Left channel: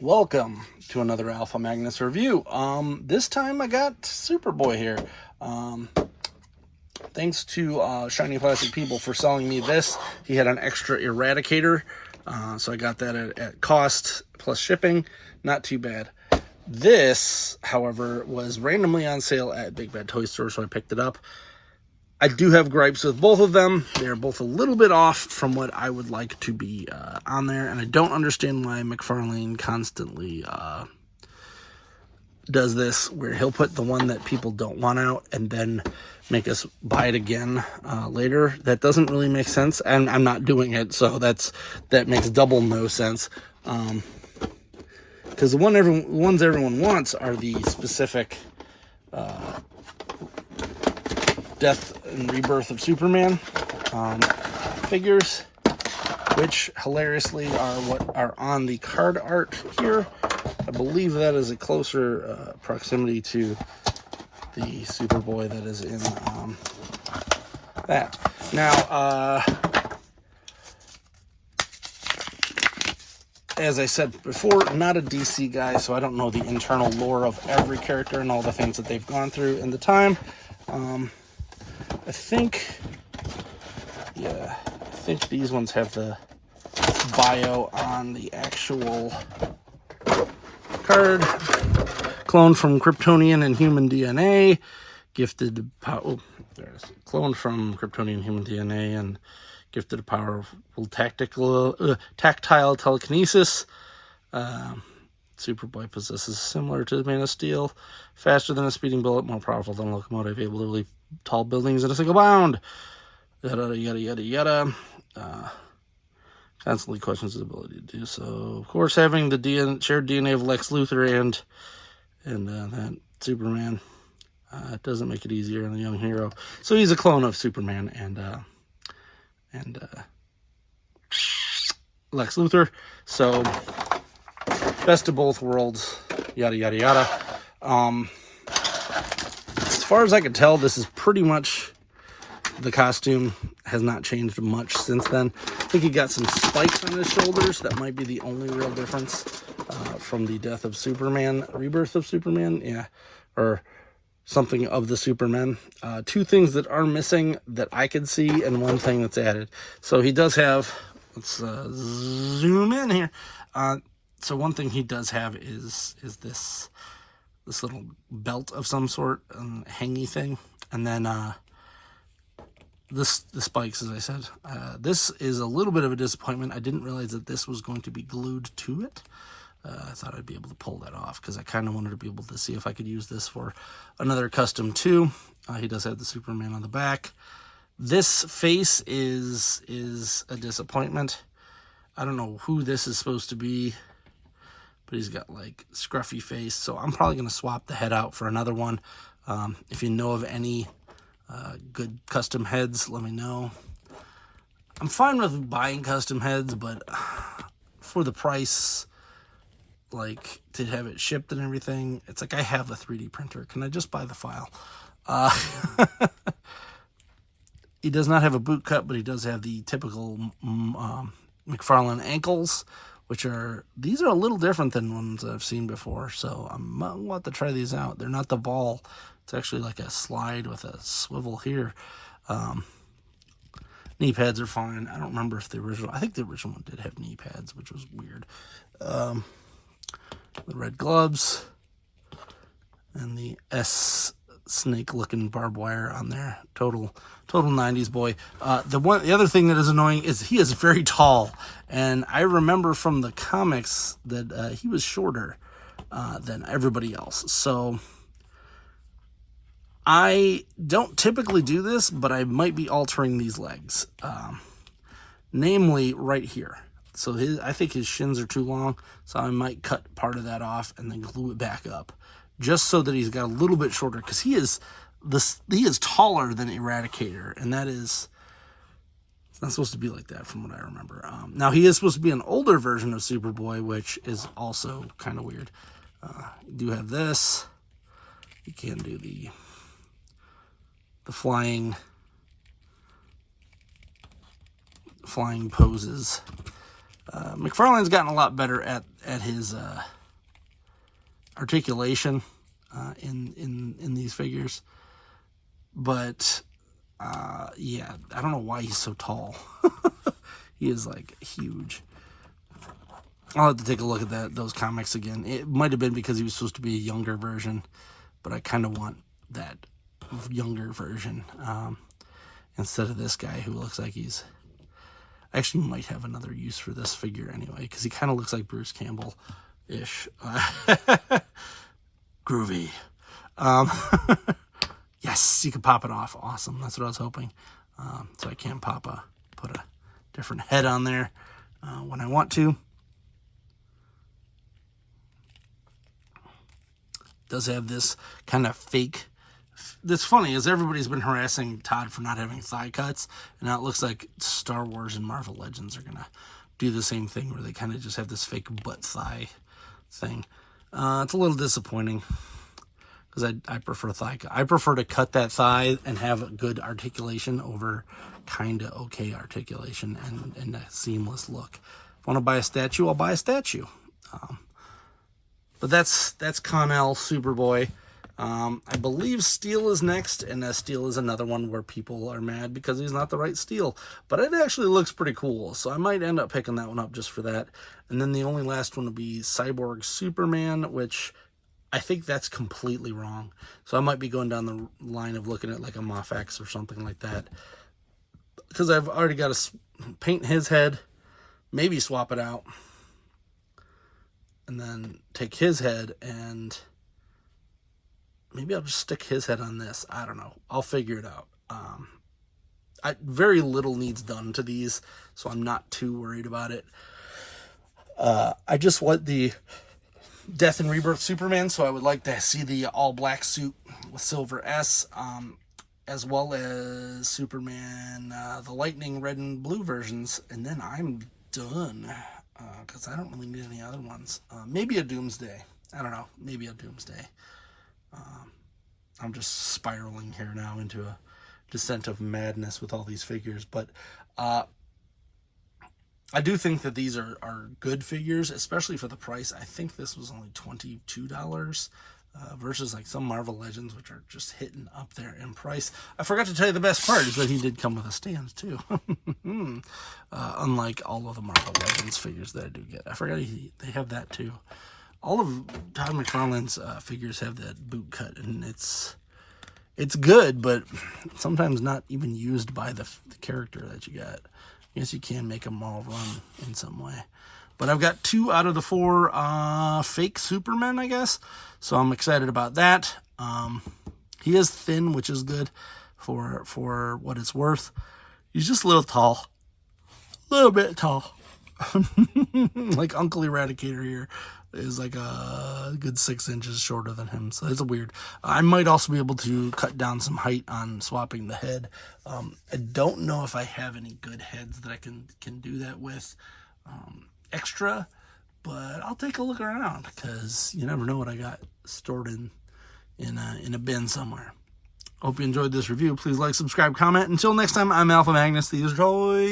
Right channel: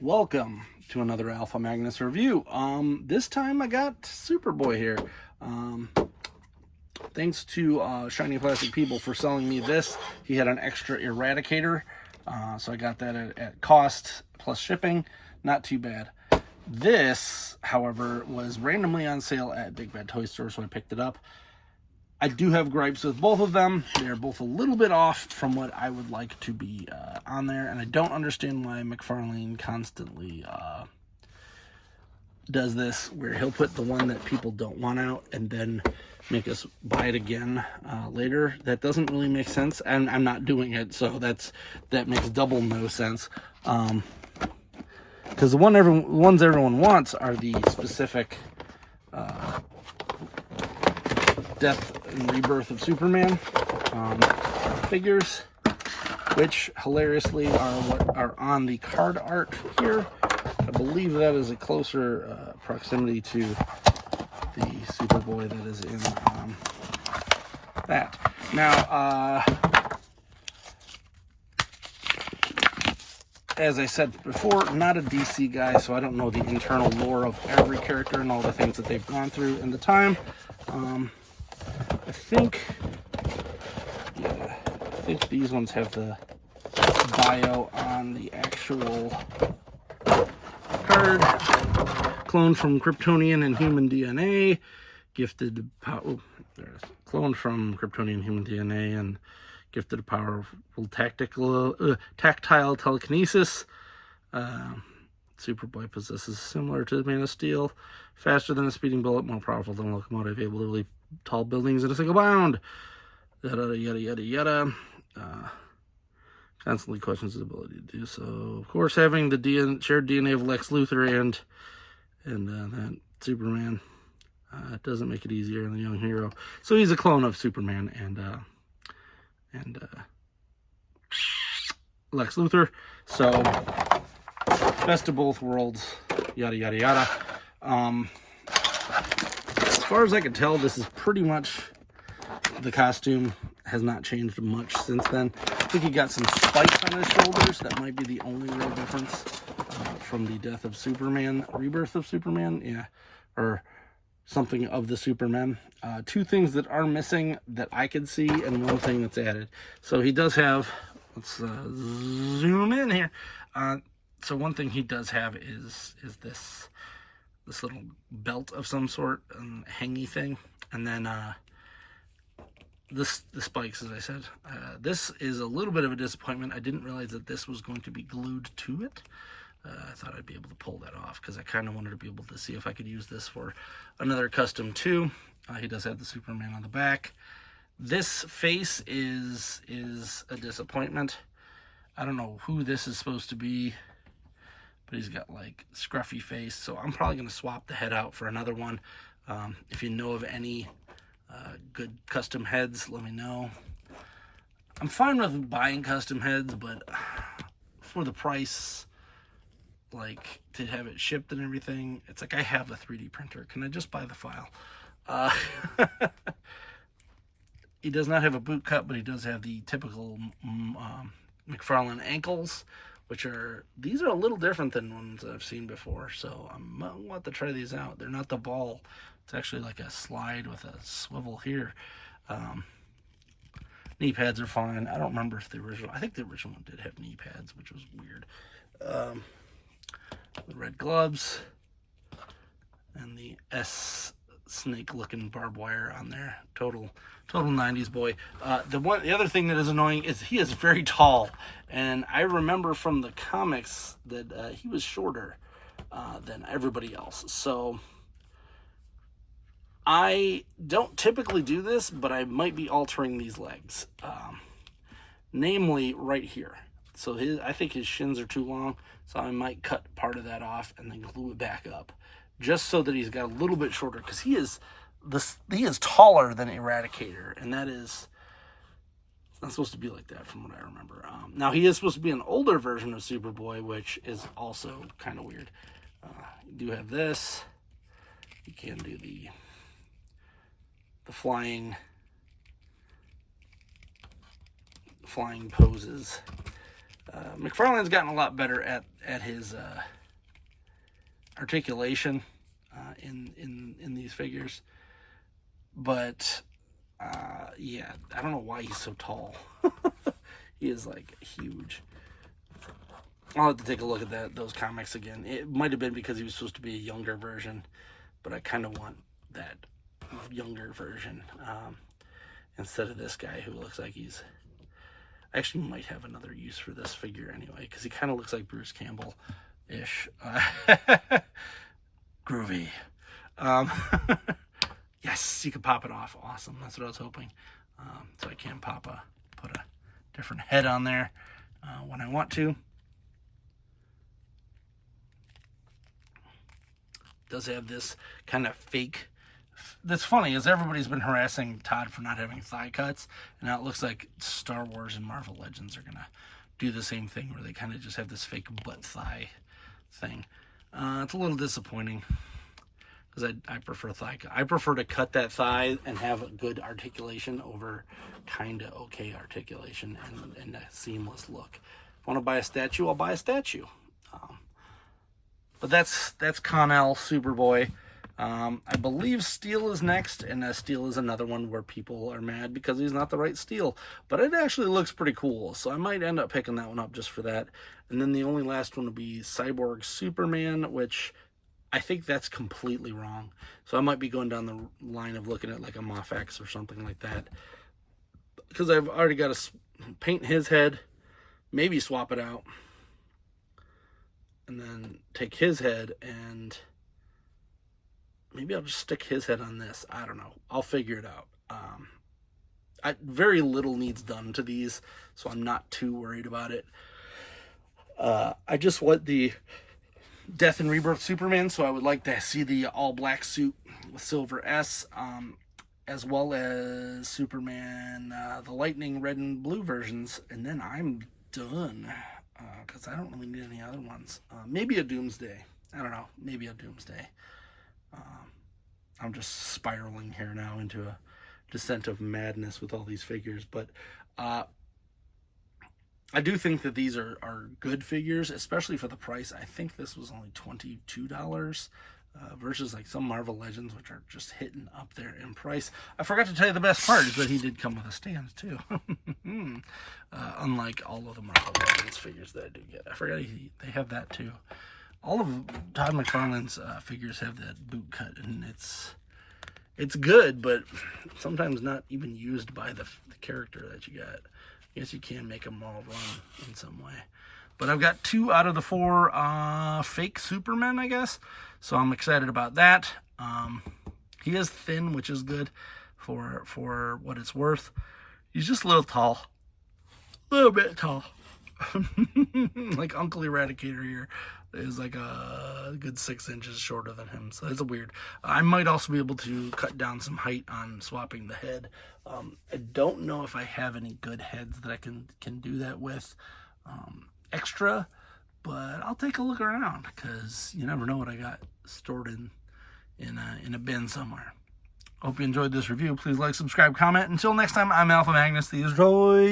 Welcome to another Alpha Magnus review. This time I got Superboy here. Thanks to Shiny Plastic People for selling me this. He had an extra Eradicator, so I got that at cost plus shipping. Not too bad. This, however, was randomly on sale at Big Bad Toy Store, so I picked it up. I do have gripes with both of them. They're both a little bit off from what I would like to be on there, and I don't understand why Mcfarlane constantly does this, where he'll put the one that people don't want out and then make us buy it again later. That doesn't really make sense, and I'm not doing it, so that makes double no sense. Because the ones everyone wants are the specific Death and Rebirth of Superman figures, which hilariously are what are on the card art here. I believe that is a closer proximity to the Superboy that is in that. Now, as I said before, not a DC guy, so I don't know the internal lore of every character and all the things that they've gone through in the time. I think these ones have the bio on the actual card. Cloned from Kryptonian and human DNA, gifted power. There's cloned from Kryptonian human DNA and gifted a powerful tactile telekinesis. Superboy possesses similar to the Man of Steel, faster than a speeding bullet, more powerful than a locomotive, able to leap tall buildings in a single bound. Yada yada yada yada. Constantly questions his ability to do so. Of course, having the shared DNA of Lex Luthor and that Superman doesn't make it easier on the young hero. So he's a clone of Superman and Lex Luthor. So best of both worlds. Yada yada yada. As far as I can tell, this is pretty much the costume. Has not changed much since then. I think he got some spikes on his shoulders. That might be the only real difference from the Death of Superman, Rebirth of Superman, yeah, or something of the Superman. Two things that are missing that I could see, and one thing that's added. So he does have, let's zoom in here. So one thing he does have is this little belt of some sort, hangy thing, and then the spikes, as I said. This is a little bit of a disappointment. I didn't realize that this was going to be glued to it. I thought I'd be able to pull that off because I kind of wanted to be able to see if I could use this for another custom too. He does have the Superman on the back. This face is a disappointment. I don't know who this is supposed to be, but he's got like scruffy face, so I'm probably going to swap the head out for another one. If you know of any good custom heads, let me know. I'm fine with buying custom heads, but for the price, like to have it shipped and everything, it's like I have a 3D printer. Can I just buy the file? He does not have a boot cut, but he does have the typical Mcfarlane ankles, these are a little different than ones I've seen before, so I'm going to have to try these out. They're not the ball. It's actually like a slide with a swivel here. Knee pads are fine. I don't remember if I think the original one did have knee pads, which was weird. The red gloves and the S snake looking barbed wire on there. Total 90s boy. The other thing that is annoying is he is very tall, and I remember from the comics that he was shorter than everybody else. So I don't typically do this, but I might be altering these legs, namely right here. So I think his shins are too long, so I might cut part of that off and then glue it back up, just so that he's got a little bit shorter, because he is taller than Eradicator, and it's not supposed to be like that from what I remember. Now he is supposed to be an older version of Superboy, which is also kind of weird. You do have this. You can do the flying poses. McFarlane's gotten a lot better at his articulation in these figures, but yeah, I don't know why he's so tall. He is like huge. I'll have to take a look at those comics again. It might have been because he was supposed to be a younger version, but I kind of want that younger version instead of this guy who looks like he's actually might have another use for this figure anyway, because he kind of looks like Bruce Campbell-ish. Groovy. Yes, you can pop it off. Awesome. That's what I was hoping. So I can put a different head on there when I want to. Does have this kind of fake. That's funny, is everybody's been harassing Todd for not having thigh cuts, and now it looks like Star Wars and Marvel Legends are gonna do the same thing, where they kind of just have this fake butt thigh thing. It's a little disappointing, because I prefer thigh cut. I prefer to cut that thigh and have a good articulation over kind of okay articulation and a seamless look. If I want to buy a statue, I'll buy a statue. But that's Connell Superboy. I believe Steel is next, and Steel is another one where people are mad because he's not the right Steel. But it actually looks pretty cool, so I might end up picking that one up just for that. And then the only last one would be Cyborg Superman, which I think that's completely wrong. So I might be going down the line of looking at like a Moff-X or something like that, because I've already got to paint his head, maybe swap it out, and then take his head and maybe I'll just stick his head on this. I don't know. I'll figure it out. Very little needs done to these, so I'm not too worried about it. I just want the Death and Rebirth Superman, so I would like to see the all-black suit with silver S, as well as Superman, the lightning red and blue versions, and then I'm done. Because I don't really need any other ones. Maybe a Doomsday. I don't know. Maybe a Doomsday. I'm just spiraling here now into a descent of madness with all these figures. But I do think that these are good figures, especially for the price. I think this was only $22 versus like some Marvel Legends, which are just hitting up there in price. I forgot to tell you the best part is that he did come with a stand too. Unlike all of the Marvel Legends figures that I do get. I forgot they have that too. All of Todd McFarlane's figures have that boot cut, and it's good, but sometimes not even used by the character that you got. I guess you can make them all run in some way. But I've got 2 out of the 4 fake Supermen, I guess. So I'm excited about that. He is thin, which is good for what it's worth. He's just a little tall. A little bit tall. Like Uncle Eradicator here is like a good 6 inches shorter than him. So it's weird. I might also be able to cut down some height on swapping the head. I don't know if I have any good heads that I can do that with extra, but I'll take a look around, because you never know what I got stored in a bin somewhere. Hope you enjoyed this review. Please like, subscribe, comment. Until next time, I'm Alpha Magnus, the Destroy.